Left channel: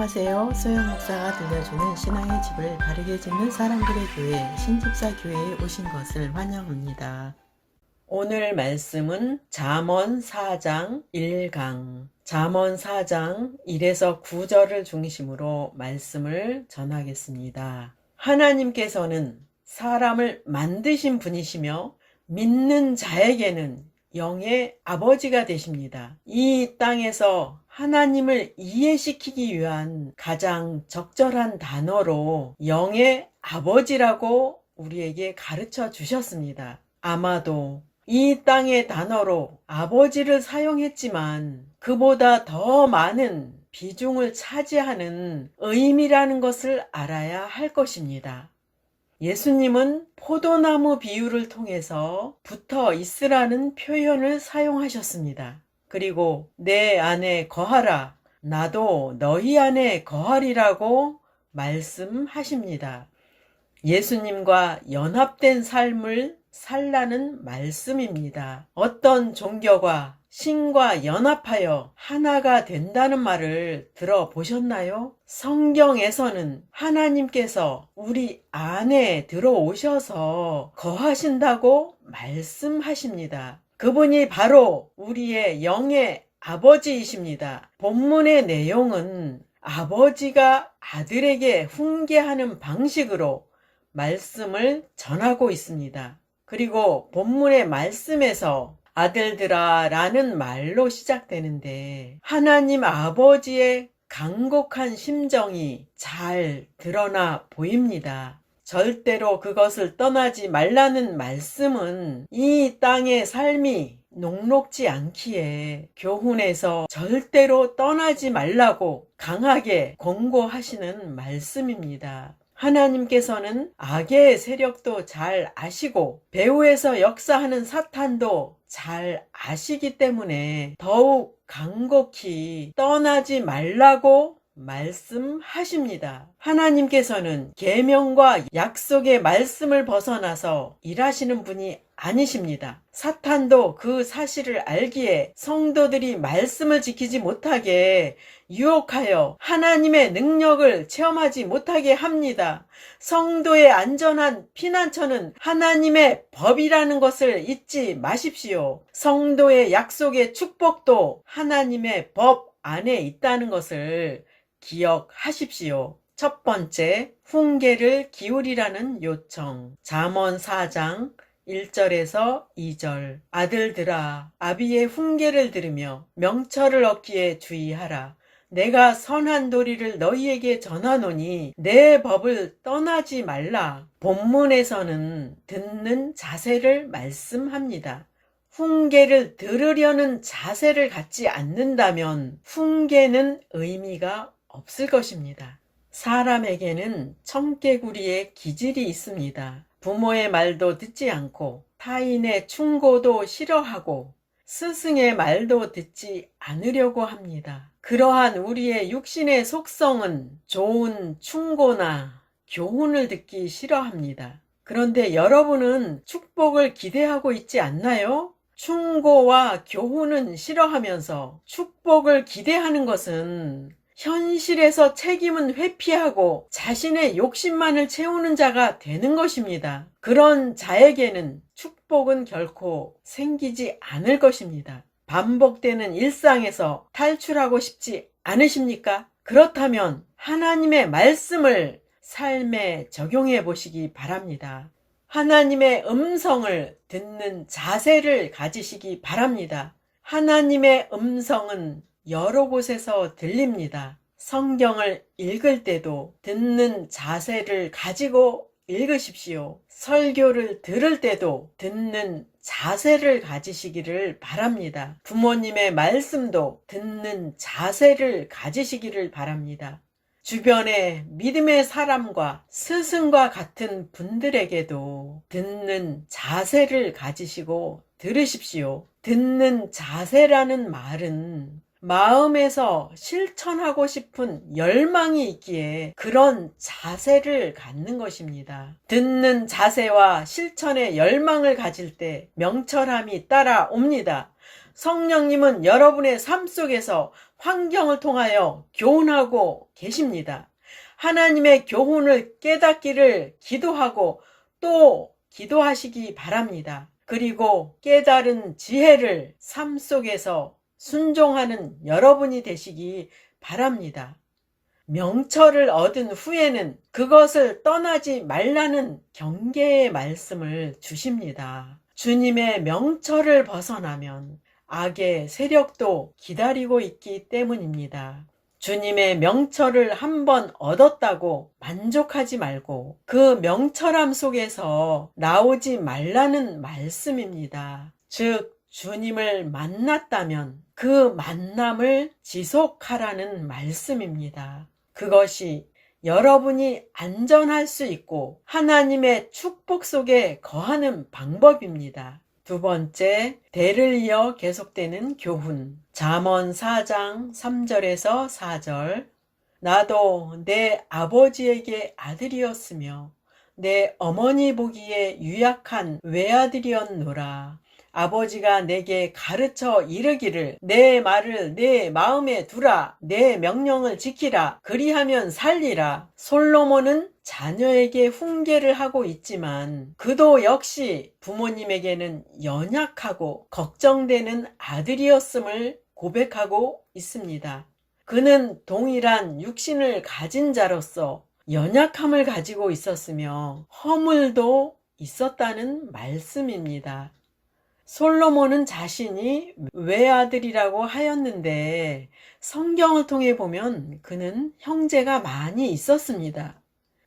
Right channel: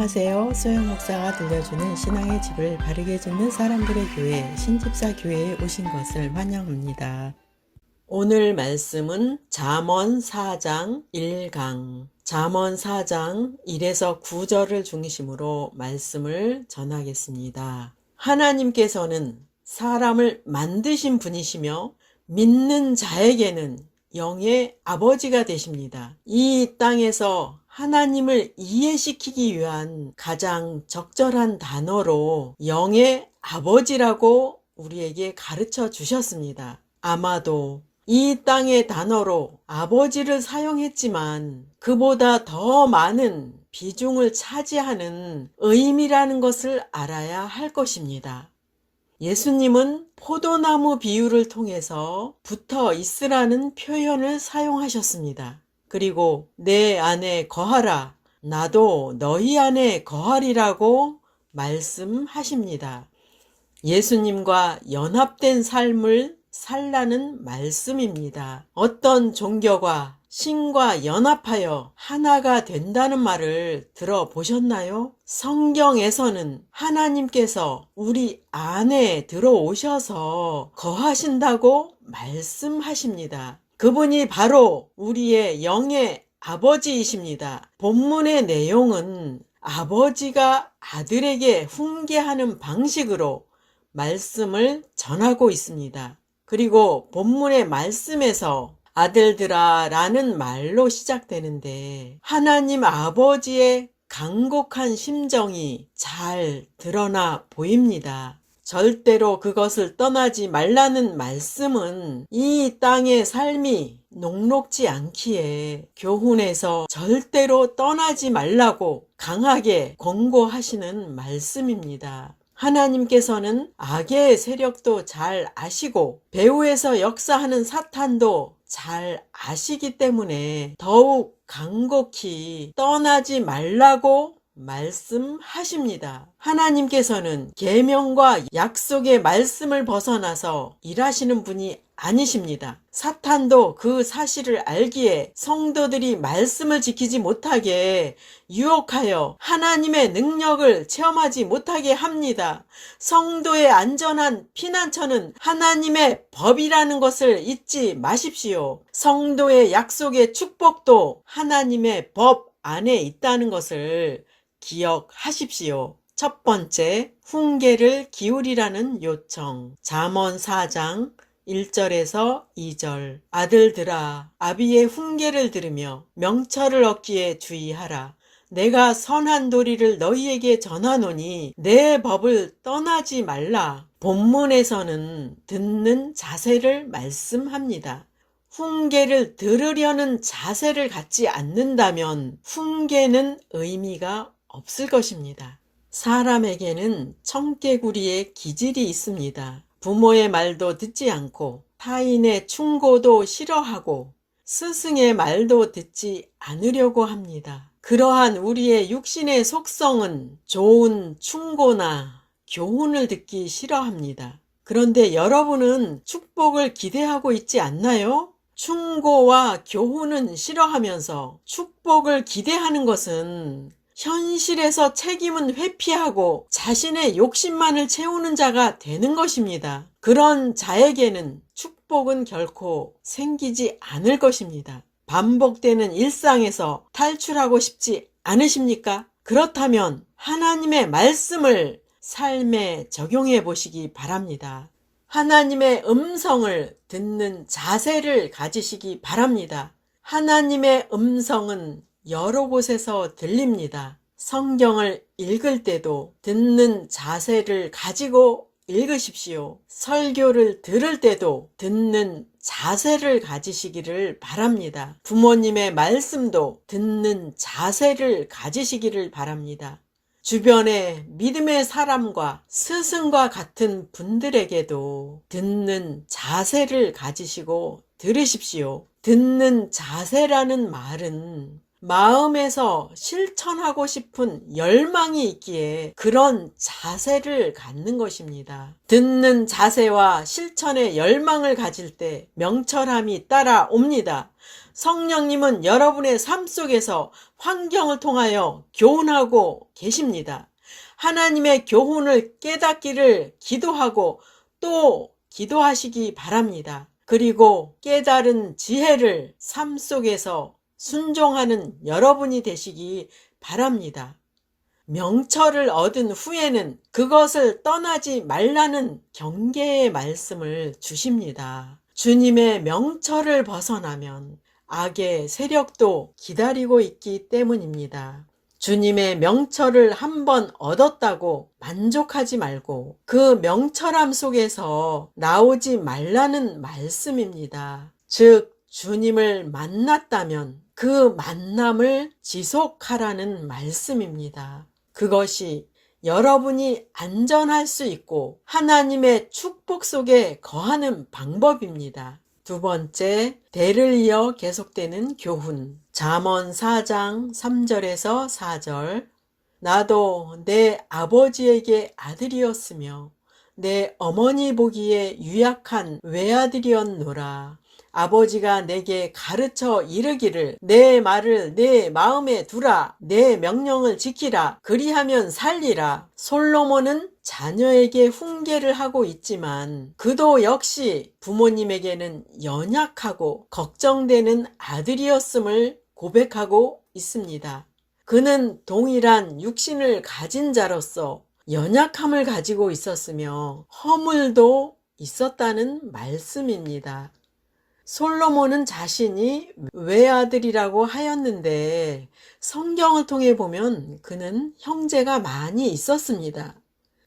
안녕하세요. 소영 목사가 들려주는 신앙의 집을 바르게 짓는 사람들의 교회 신집사 교회에 오신 것을 환영합니다. 오늘 말씀은 잠언 4장 1강 잠언 4장 1에서 9절을 중심으로 말씀을 전하겠습니다. 하나님께서는 사람을 만드신 분이시며 믿는 자에게는 영의 아버지가 되십니다. 이 땅에서 하나님을 이해시키기 위한 가장 적절한 단어로 영의 아버지라고 우리에게 가르쳐 주셨습니다. 아마도 이 땅의 단어로 아버지를 사용했지만 그보다 더 많은 비중을 차지하는 의미라는 것을 알아야 할 것입니다. 예수님은 포도나무 비유를 통해서 붙어 있으라는 표현을 사용하셨습니다. 그리고 내 안에 거하라, 나도 너희 안에 거하리라고 말씀하십니다. 예수님과 연합된 삶을 살라는 말씀입니다. 어떤 종교가 신과 연합하여 하나가 된다는 말을 들어보셨나요? 성경에서는 하나님께서 우리 안에 들어오셔서 거하신다고 말씀하십니다. 그분이 바로 우리의 영의 아버지이십니다. 본문의 내용은 아버지가 아들에게 훈계하는 방식으로 말씀을 전하고 있습니다. 그리고 본문의 말씀에서 아들들아 라는 말로 시작되는데 하나님 아버지의 간곡한 심정이 잘 드러나 보입니다. 절대로 그것을 떠나지 말라는 말씀은 이 땅의 삶이 녹록지 않기에 교훈에서 절대로 떠나지 말라고 강하게 권고하시는 말씀입니다. 하나님께서는 악의 세력도 잘 아시고 배후에서 역사하는 사탄도 잘 아시기 때문에 더욱 간곡히 떠나지 말라고 말씀하십니다. 하나님께서는 계명과 약속의 말씀을 벗어나서 일하시는 분이 아니십니다. 사탄도 그 사실을 알기에 성도들이 말씀을 지키지 못하게 유혹하여 하나님의 능력을 체험하지 못하게 합니다. 성도의 안전한 피난처는 하나님의 법이라는 것을 잊지 마십시오. 성도의 약속의 축복도 하나님의 법 안에 있다는 것을 기억하십시오. 첫 번째, 훈계를 기울이라는 요청. 잠언 4장 1절에서 2절. 아들들아, 아비의 훈계를 들으며 명철을 얻기에 주의하라. 내가 선한 도리를 너희에게 전하노니 내 법을 떠나지 말라. 본문에서는 듣는 자세를 말씀합니다. 훈계를 들으려는 자세를 갖지 않는다면 훈계는 의미가 없을 것입니다. 사람에게는 청개구리의 기질이 있습니다. 부모의 말도 듣지 않고 타인의 충고도 싫어하고 스승의 말도 듣지 않으려고 합니다. 그러한 우리의 육신의 속성은 좋은 충고나 교훈을 듣기 싫어합니다. 그런데 여러분은 축복을 기대하고 있지 않나요? 충고와 교훈은 싫어하면서 축복을 기대하는 것은 현실에서 책임은 회피하고 자신의 욕심만을 채우는 자가 되는 것입니다. 그런 자에게는 축복은 결코 생기지 않을 것입니다. 반복되는 일상에서 탈출하고 싶지 않으십니까? 그렇다면 하나님의 말씀을 삶에 적용해 보시기 바랍니다. 하나님의 음성을 듣는 자세를 가지시기 바랍니다. 하나님의 음성은 여러 곳에서 들립니다. 성경을 읽을 때도 듣는 자세를 가지고 읽으십시오. 설교를 들을 때도 듣는 자세를 가지시기를 바랍니다. 부모님의 말씀도 듣는 자세를 가지시기를 바랍니다. 주변의 믿음의 사람과 스승과 같은 분들에게도 듣는 자세를 가지시고 들으십시오. 듣는 자세라는 말은 마음에서 실천하고 싶은 열망이 있기에 그런 자세를 갖는 것입니다. 듣는 자세와 실천의 열망을 가질 때 명철함이 따라옵니다. 성령님은 여러분의 삶 속에서 환경을 통하여 교훈하고 계십니다. 하나님의 교훈을 깨닫기를 기도하고 또 기도하시기 바랍니다. 그리고 깨달은 지혜를 삶 속에서 순종하는 여러분이 되시기 바랍니다. 명철을 얻은 후에는 그것을 떠나지 말라는 경계의 말씀을 주십니다. 주님의 명철을 벗어나면 악의 세력도 기다리고 있기 때문입니다. 주님의 명철을 한번 얻었다고 만족하지 말고 그 명철함 속에서 나오지 말라는 말씀입니다. 즉, 주님을 만났다면 그 만남을 지속하라는 말씀입니다. 그것이 여러분이 안전할 수 있고 하나님의 축복 속에 거하는 방법입니다. 두 번째, 대를 이어 계속되는 교훈. 잠언 4장 3절에서 4절. 나도 내 아버지에게 아들이었으며 내 어머니 보기에 유약한 외아들이었노라. 아버지가 내게 가르쳐 이르기를 내 말을 내 마음에 두라. 내 명령을 지키라. 그리하면 살리라. 솔로몬은 자녀에게 훈계를 하고 있지만 그도 역시 부모님에게는 연약하고 걱정되는 아들이었음을 고백하고 있습니다. 그는 동일한 육신을 가진 자로서 연약함을 가지고 있었으며 허물도 있었다는 말씀입니다. 솔로몬은 자신이 외아들이라고 하였는데 성경을 통해 보면 그는 형제가 많이 있었습니다.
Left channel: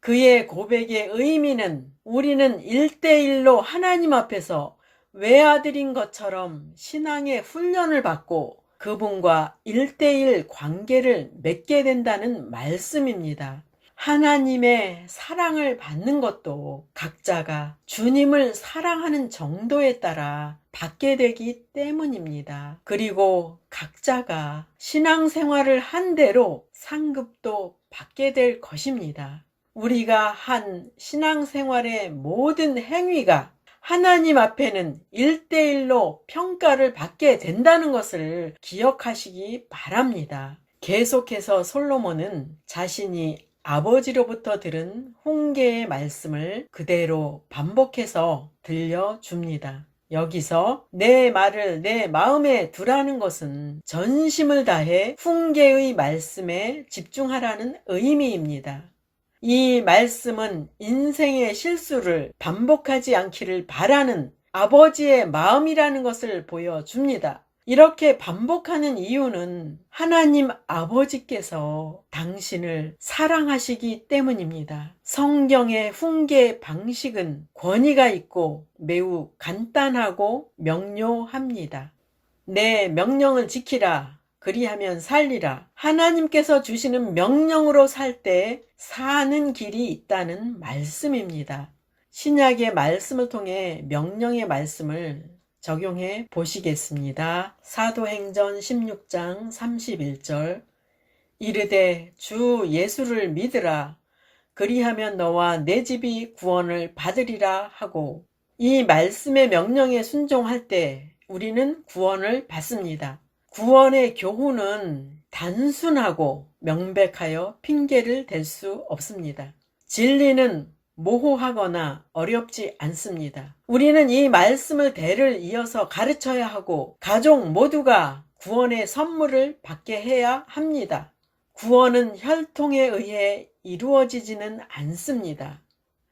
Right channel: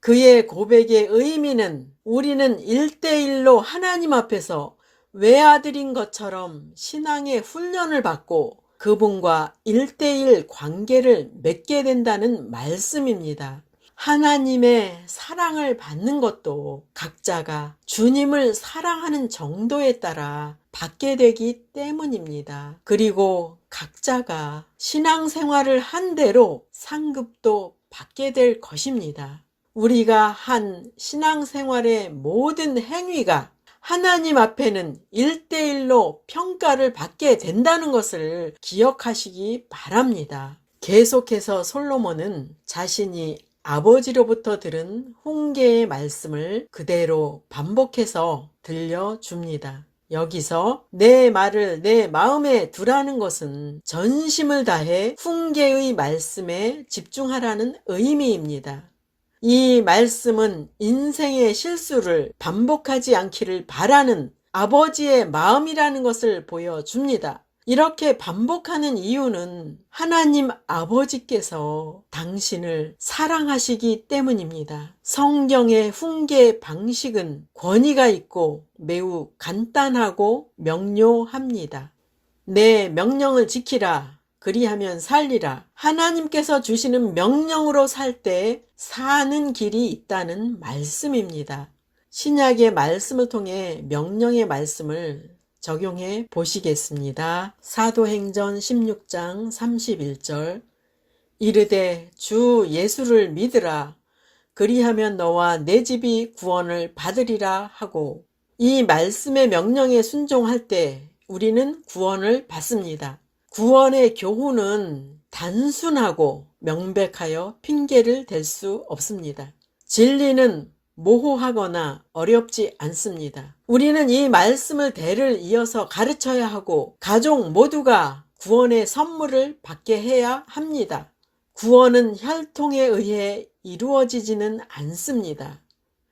그의 고백의 의미는 우리는 1대1로 하나님 앞에서 외아들인 것처럼 신앙의 훈련을 받고 그분과 1대1 관계를 맺게 된다는 말씀입니다. 하나님의 사랑을 받는 것도 각자가 주님을 사랑하는 정도에 따라 받게 되기 때문입니다. 그리고 각자가 신앙생활을 한 대로 상급도 받게 될 것입니다. 우리가 한 신앙생활의 모든 행위가 하나님 앞에는 1대1로 평가를 받게 된다는 것을 기억하시기 바랍니다. 계속해서 솔로몬은 자신이 아버지로부터 들은 훈계의 말씀을 그대로 반복해서 들려줍니다. 여기서 내 말을 내 마음에 두라는 것은 전심을 다해 훈계의 말씀에 집중하라는 의미입니다. 이 말씀은 인생의 실수를 반복하지 않기를 바라는 아버지의 마음이라는 것을 보여줍니다. 이렇게 반복하는 이유는 하나님 아버지께서 당신을 사랑하시기 때문입니다. 성경의 훈계 방식은 권위가 있고 매우 간단하고 명료합니다. 내 명령을 지키라. 그리하면 살리라. 하나님께서 주시는 명령으로 살 때 사는 길이 있다는 말씀입니다. 신약의 말씀을 통해 명령의 말씀을 적용해 보시겠습니다. 사도행전 16장 31절. 이르되 주 예수를 믿으라. 그리하면 너와 내 집이 구원을 받으리라 하고, 이 말씀의 명령에 순종할 때 우리는 구원을 받습니다. 구원의 교훈은 단순하고 명백하여 핑계를 댈 수 없습니다. 진리는 모호하거나 어렵지 않습니다. 우리는 이 말씀을 대를 이어서 가르쳐야 하고 가족 모두가 구원의 선물을 받게 해야 합니다. 구원은 혈통에 의해 이루어지지는 않습니다.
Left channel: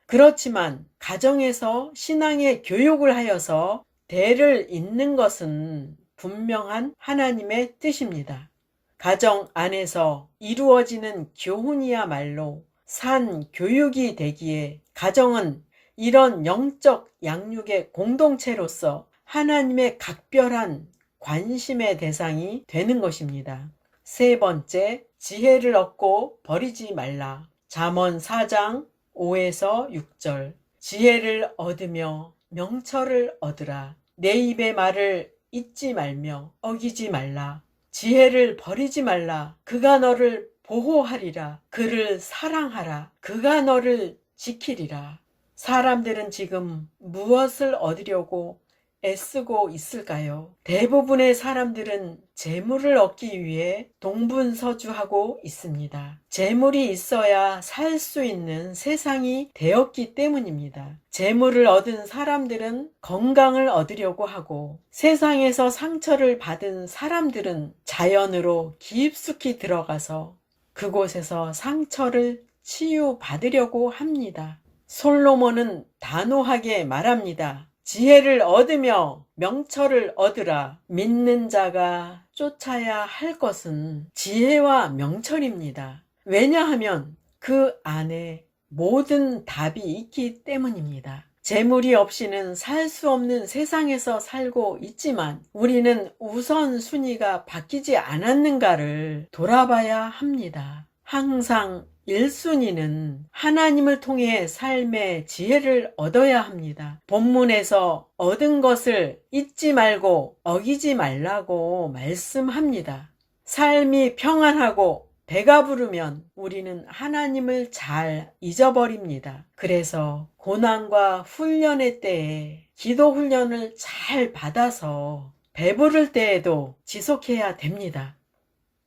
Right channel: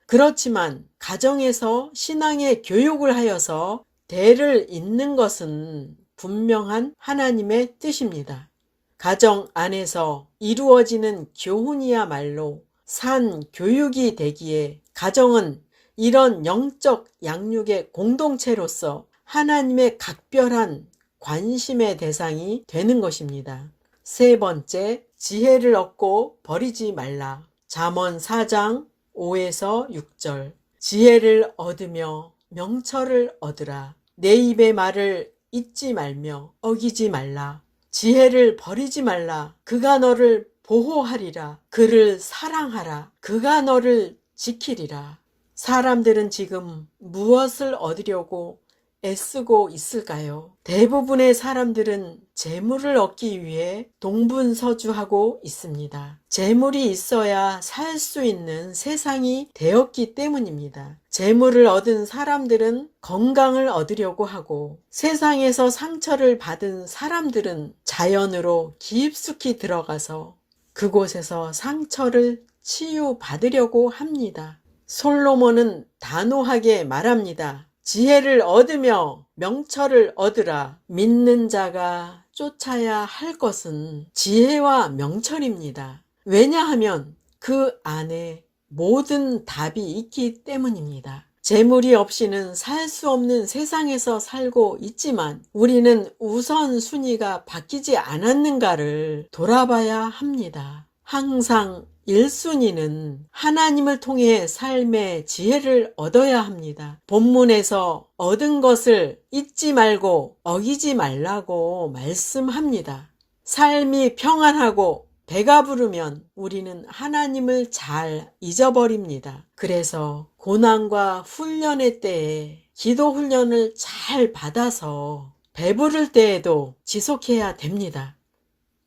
그렇지만 가정에서 신앙의 교육을 하여서 대를 잇는 것은 분명한 하나님의 뜻입니다. 가정 안에서 이루어지는 교훈이야말로 산 교육이 되기에 가정은 이런 영적 양육의 공동체로서 하나님의 각별한 관심의 대상이 되는 것입니다. 세 번째, 지혜를 얻고 버리지 말라. 잠언 4장 5에서 6절. 지혜를 얻으며 명철을 얻으라. 내 입의 말을 잊지 말며 어기지 말라. 지혜를 버리지 말라. 그가 너를 보호하리라. 그를 사랑하라. 그가 너를 지키리라. 사람들은 지금 무엇을 얻으려고 애쓰고 있을까요? 대부분의 사람들은 재물을 얻기 위해 동분서주하고 있습니다. 재물이 있어야 살 수 있는 세상이 되었기 때문입니다. 재물을 얻은 사람들은 건강을 얻으려고 하고, 세상에서 상처를 받은 사람들은 자연으로 깊숙이 들어가서 그곳에서 상처를 치유받으려고 합니다. 솔로몬은 단호하게 말합니다. 지혜를 얻으며 명철을 얻으라. 믿는 자가 쫓아야 할 것은 지혜와 명철입니다. 왜냐하면 그 안에 모든 답이 있기 때문입니다. 재물이 없이는 살 수 없는 세상에서 살고 있지만 우리는 우선순위가 바뀌지 않았는가를 돌아봐야 합니다. 항상 1순위는 하나님을 통해 삶의 지혜를 얻어야 합니다. 본문에서 얻은 것을 잊지 말고 어기지 말라고 말씀합니다. 삶이 평안하고 배가 부르면 우리는 하나님을 잘 잊어버립니다. 그래서 고난과 훈련의 때에 기도 훈련을 잘 받아서 배부를 때에도 지속해야 됩니다.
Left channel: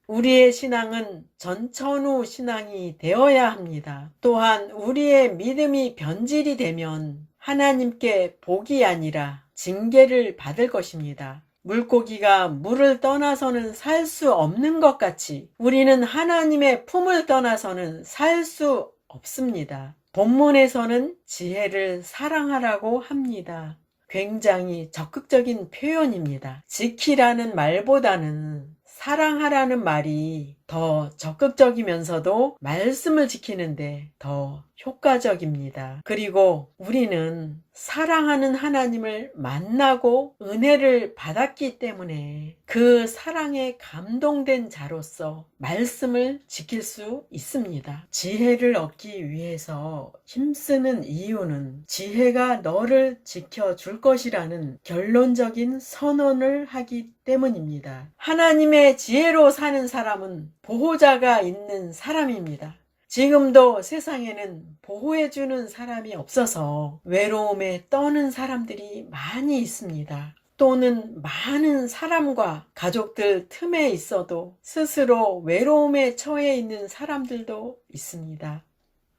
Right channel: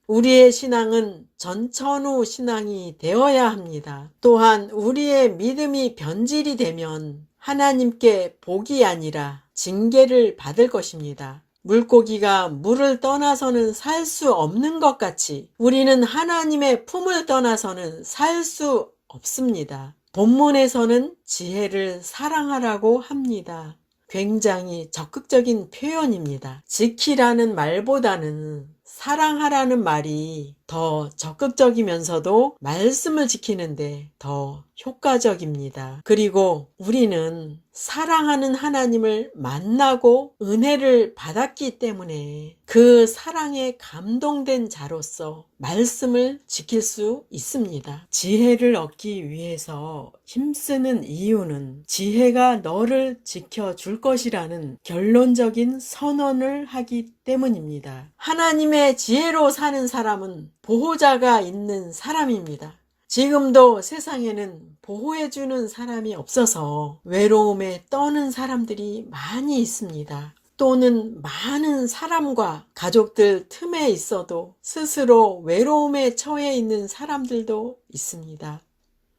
우리의 신앙은 전천후 신앙이 되어야 합니다. 또한 우리의 믿음이 변질이 되면 하나님께 복이 아니라 징계를 받을 것입니다. 물고기가 물을 떠나서는 살 수 없는 것 같이 우리는 하나님의 품을 떠나서는 살 수 없습니다. 본문에서는 지혜를 사랑하라고 합니다. 굉장히 적극적인 표현입니다. 지키라는 말보다는 사랑하라는 말이 더 적극적이면서도 말씀을 지키는데 더 효과적입니다. 그리고 우리는 사랑하는 하나님을 만나고 은혜를 받았기 때문에 그 사랑에 감동된 자로서 말씀을 지킬 수 있습니다. 지혜를 얻기 위해서 힘쓰는 이유는 지혜가 너를 지켜줄 것이라는 결론적인 선언을 하기 때문입니다. 하나님의 지혜로 사는 사람은 보호자가 있는 사람입니다. 지금도 세상에는 보호해주는 사람이 없어서 외로움에 떠는 사람들이 많이 있습니다. 또는 많은 사람과 가족들 틈에 있어도 스스로 외로움에 처해 있는 사람들도 있습니다.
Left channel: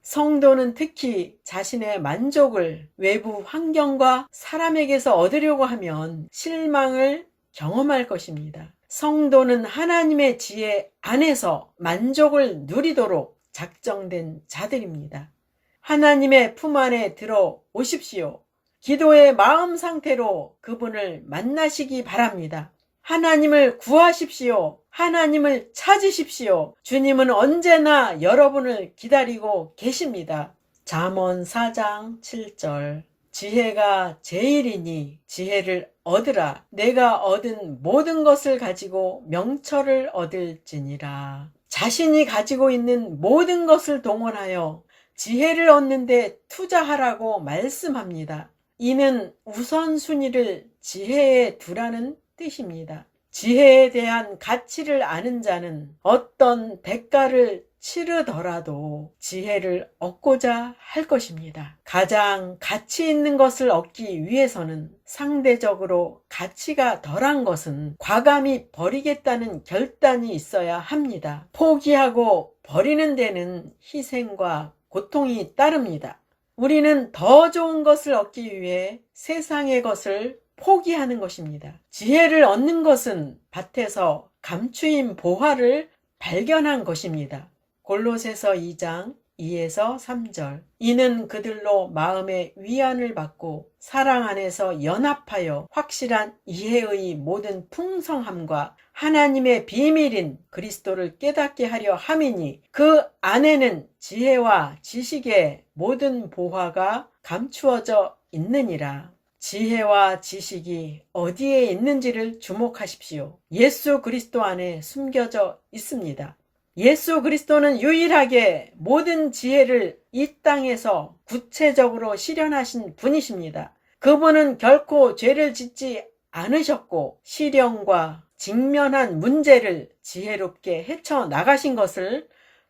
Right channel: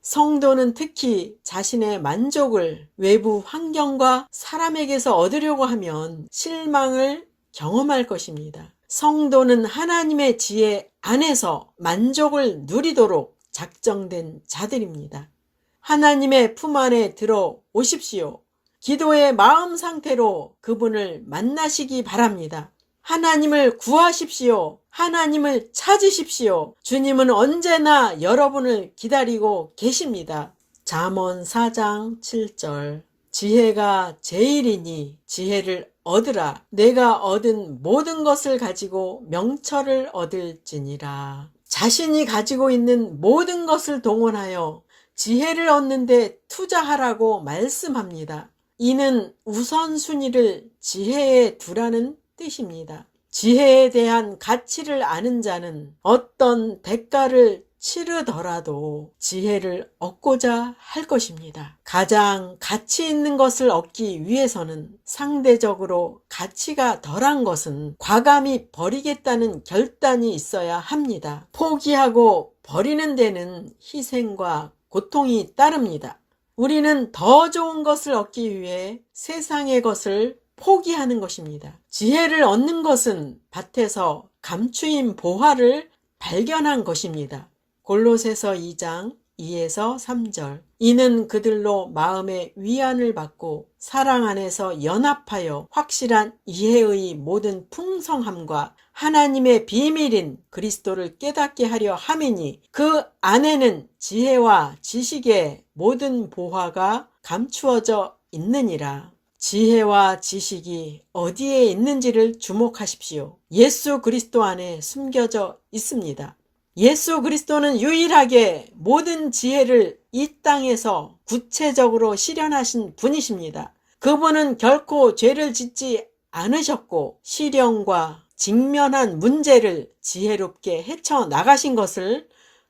성도는 특히 자신의 만족을 외부 환경과 사람에게서 얻으려고 하면 실망을 경험할 것입니다. 성도는 하나님의 지혜 안에서 만족을 누리도록 작정된 자들입니다. 하나님의 품 안에 들어오십시오. 기도의 마음 상태로 그분을 만나시기 바랍니다. 하나님을 구하십시오. 하나님을 찾으십시오. 주님은 언제나 여러분을 기다리고 계십니다. 잠언 4장 7절 지혜가 제일이니 지혜를 얻으라. 내가 얻은 모든 것을 가지고 명철을 얻을지니라. 자신이 가지고 있는 모든 것을 동원하여 지혜를 얻는데 투자하라고 말씀합니다. 이는 우선순위를 지혜에 두라는 뜻입니다. 지혜에 대한 가치를 아는 자는 어떤 대가를 치르더라도 지혜를 얻고자 할 것입니다. 가장 가치 있는 것을 얻기 위해서는 상대적으로 가치가 덜한 것은 과감히 버리겠다는 결단이 있어야 합니다. 포기하고 버리는 데는 희생과 고통이 따릅니다. 우리는 더 좋은 것을 얻기 위해 세상의 것을 포기하는 것입니다. 지혜를 얻는 것은 밭에서 감추인 보화를 발견한 것입니다. 골로새서 2장 2에서 3절 이는 그들로 마음의 위안을 받고 사랑 안에서 연합하여 확실한 이해의 모든 풍성함과 하나님의 비밀인 그리스도를 깨닫게 하려 함이니 그 안에는 지혜와 지식의 모든 보화가 감추어져 있느니라. 지혜와 지식이 어디에 있는지를 주목하십시오. 예수 그리스도 안에 숨겨져 있습니다. 예수 그리스도는 유일하게 모든 지혜를 이 땅에서 구체적으로 실현하신 분이십니다. 그분은 결코 죄를 짓지 않으셨고 시련과 직면한 문제를 지혜롭게 헤쳐나가신 것을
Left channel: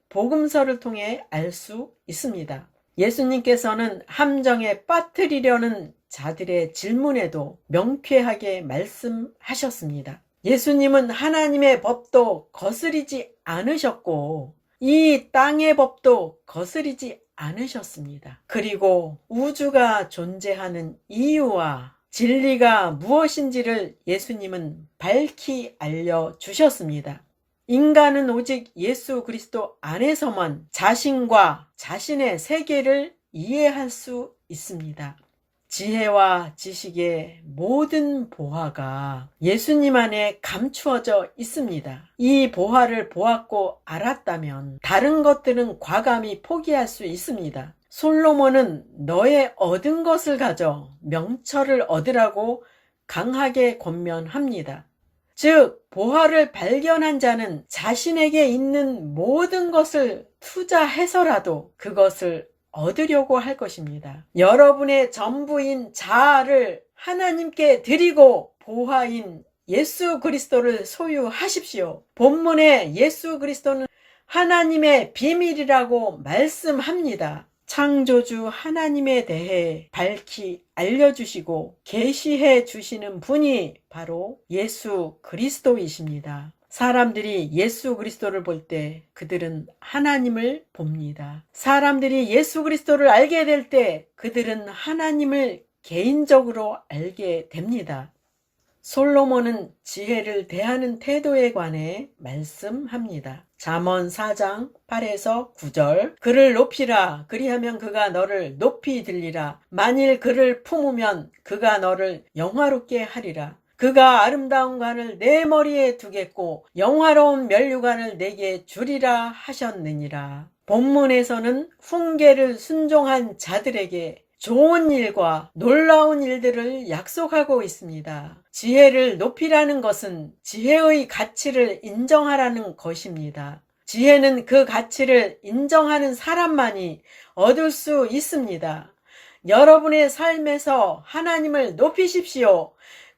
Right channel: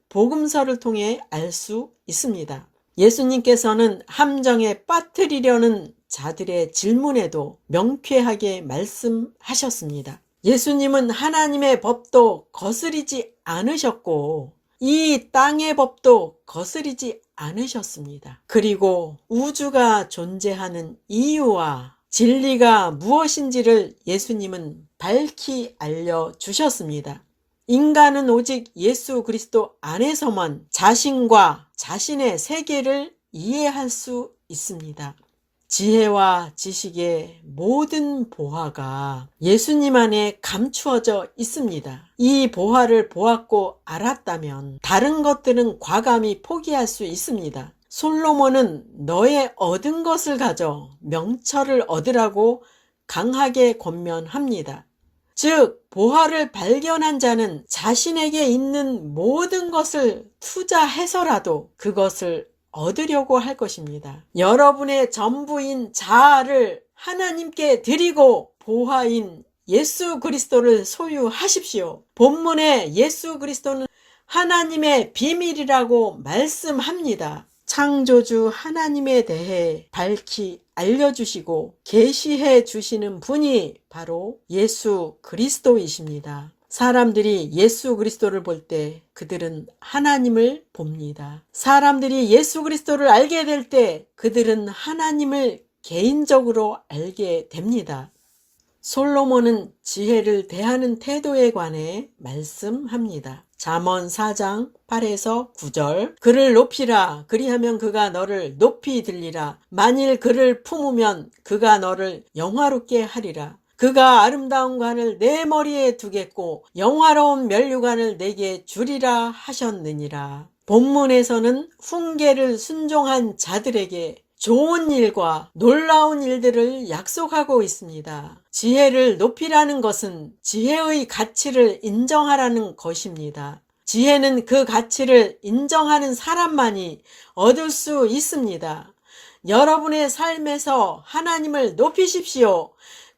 복음서를 통해 알 수 있습니다. 예수님께서는 함정에 빠뜨리려는 자들의 질문에도 명쾌하게 말씀하셨습니다. 예수님은 하나님의 법도 거스리지 않으셨고 이 땅의 법도 거스리지 않으셨습니다. 그리고 우주가 존재하는 이유와 진리가 무엇인지를 예수님은 밝히 알려주셨습니다. 인간은 오직 예수 그리스도 안에서만 자신과 자신의 세계를 이해할 수 있습니다. 지혜와 지식의 모든 보화가 예수님 안에 감추어져 있습니다. 이 보화를 보았고 알았다면 다른 것들은 과감히 포기할 수 있습니다. 솔로몬은 너의 얻은 것을 가져 명철을 얻으라고 강하게 권면합니다. 즉, 보화를 발견한 자는 자신에게 있는 모든 것을 투자해서라도 그것을 얻으려고 할 것입니다. 여러분의 전부인 자아를 하나님께 드리고 보화인 예수 그리스도를 소유하십시오. 본문에 예수 그리스도는 하나님의 비밀이라고 말씀합니다. 창조주 하나님에 대해 밝히 알려주시고 계시해 주시는 분이 바로 예수 그리스도이십니다. 사람들이 예수 그리스도를 볼 때 그들은 하나님을 봅니다. 사람들이 예수 그리스도를 알게 될 때 그들은 하나님을 개인적으로 알게 됩니다. 솔로몬은 지혜를 대하는 태도에 관해 말씀합니다. 잠언 4장 8에서 9절 그를 높이라 그리하면 그가 너를 높이 들리라 만일 그를 품으면 그가 너를 영화롭게 하리라 그가 아름다운 관을 내 머리에 두겠고 영화로운 면류관을 내게 주리라 하셨느니라. 본문에서는 훈계를 순종한 자들에게 좋은 일과 놀라운 일들을 약속하고 있습니다. 지혜를 높이라는 것은 지혜의 가치를 인정하라는 것입니다. 지혜는 그 가치를 인정하는 사람만이 얻을 수 있습니다. 여러분의 삶에서 하나님을 높이십시오.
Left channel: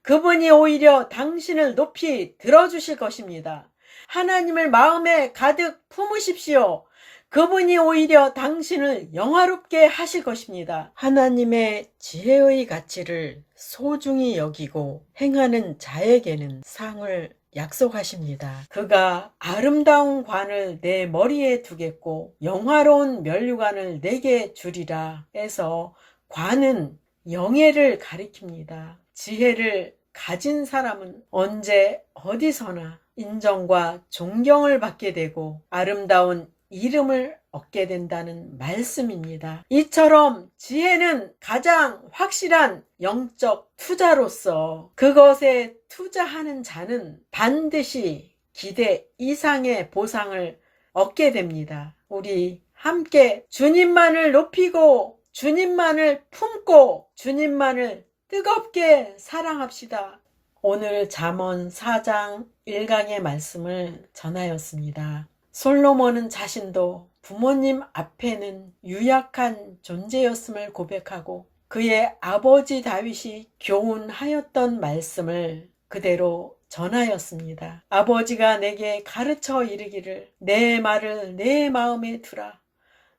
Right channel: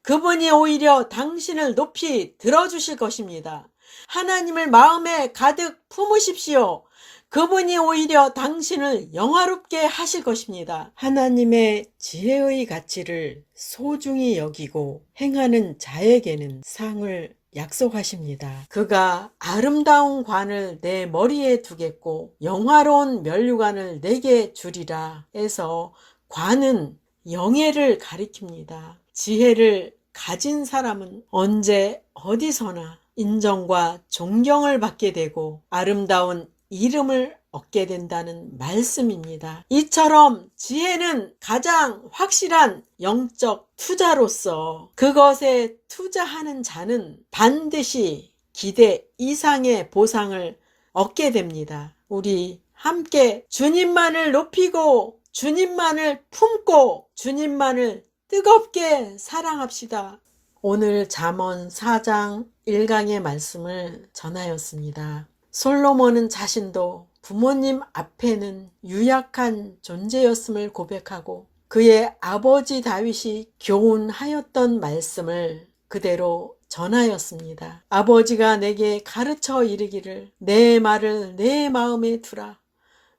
그분이 오히려 당신을 높이 들어주실 것입니다. 하나님을 마음에 가득 품으십시오. 그분이 오히려 당신을 영화롭게 하실 것입니다. 하나님의 지혜의 가치를 소중히 여기고 행하는 자에게는 상을 약속하십니다. 그가 아름다운 관을 내 머리에 두겠고 영화로운 면류관을 내게 주리라 해서 관은 영예를 가리킵니다. 지혜를 가진 사람은 언제 어디서나 인정과 존경을 받게 되고 아름다운 이름을 얻게 된다는 말씀입니다. 이처럼 지혜는 가장 확실한 영적 투자로서 그것에 투자하는 자는 반드시 기대 이상의 보상을 얻게 됩니다. 우리 함께 주님만을 높이고 주님만을 품고 주님만을 뜨겁게 사랑합시다. 오늘 잠언 4장 1강의 말씀을 전하였습니다. 솔로몬은 자신도 부모님 앞에는 유약한 존재였음을 고백하고 그의 아버지 다윗이 교훈하였던 말씀을 그대로 전하였습니다. 아버지가 내게 가르쳐 이르기를 내 말을 내 마음에 두라.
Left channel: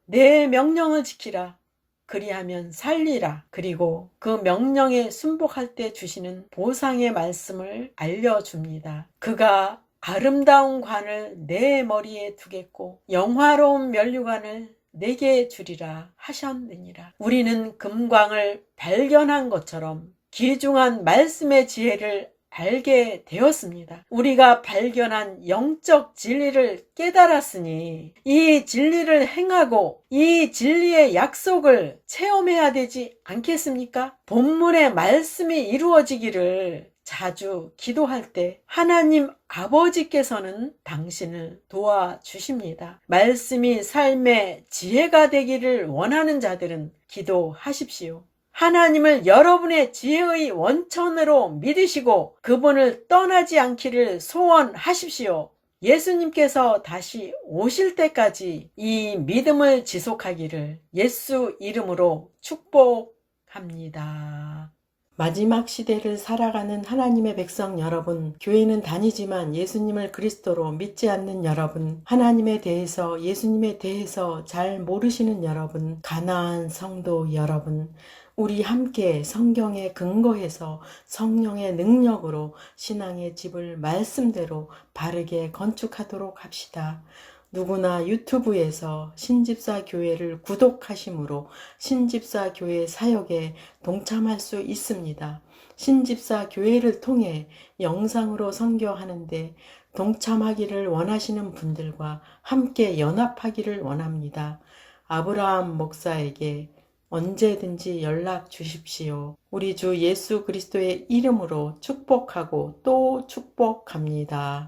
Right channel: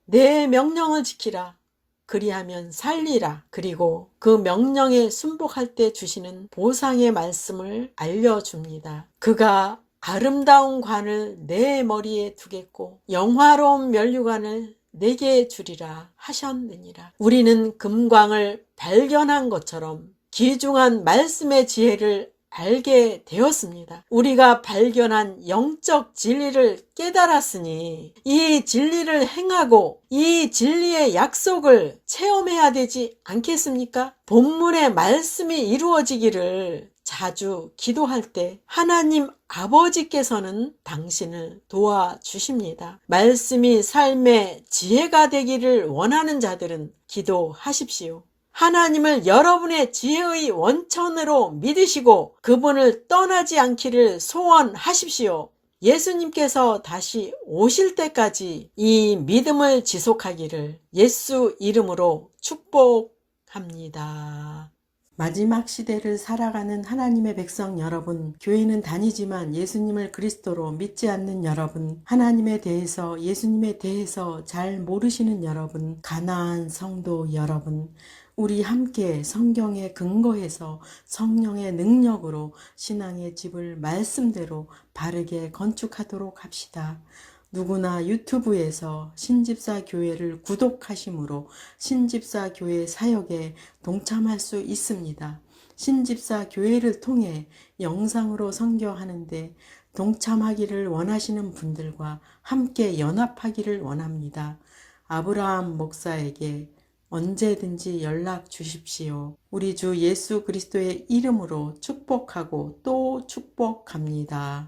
내 명령을 지키라. 그리하면 살리라. 그리고 그 명령에 순복할 때 주시는 보상의 말씀을 알려줍니다. 그가 아름다운 관을 내 머리에 두겠고 영화로운 면류관을 내게 주리라 하셨느니라. 우리는 금광을 발견한 것처럼 귀중한 말씀의 지혜를 알게 되었습니다. 우리가 발견한 영적 진리를 깨달았으니 이 진리를 행하고 이 진리의 약속을 체험해야 되지 않겠습니까? 본문의 말씀이 이루어지기를 자주 기도할 때 하나님 아버지께서는 당신을 도와주십니다. 말씀이 삶의 지혜가 되기를 원하는 자들은 기도하십시오. 하나님을 여러분의 지혜의 원천으로 믿으시고 그분을 떠나지 않기를 소원하십시오. 예수님께서 다시 오실 때까지 이 믿음을 지속하기를 예수 이름으로 축복합니다. 마지막 시대를 살아가는 하나님의 백성 여러분, 교회는 다니지만 예수님을 그리스도로 믿지 않는 여러분, 하나님에 대해서 예수님에 대해서 잘 모르시는 여러분, 가나안 성도 여러분, 우리 함께 성경에 근거해서 성령의 능력으로 신앙의 집을 말씀대로 바르게 건축하도록 합시다. 누구나 유튜브에서 신집사 교회를 구독하심으로 신집사 교회 사역에 동참할 수 있습니다. 신집사 교회를 통해 영상으로 선교하는데 동참하기를 원하시는 분들과 함께 연합하기를 원합니다. 아브라함 목사에게 언제든지 연락 주십시오. 우리 주 예수 그리스도의 이름으로 축복하고 또 축복합니다.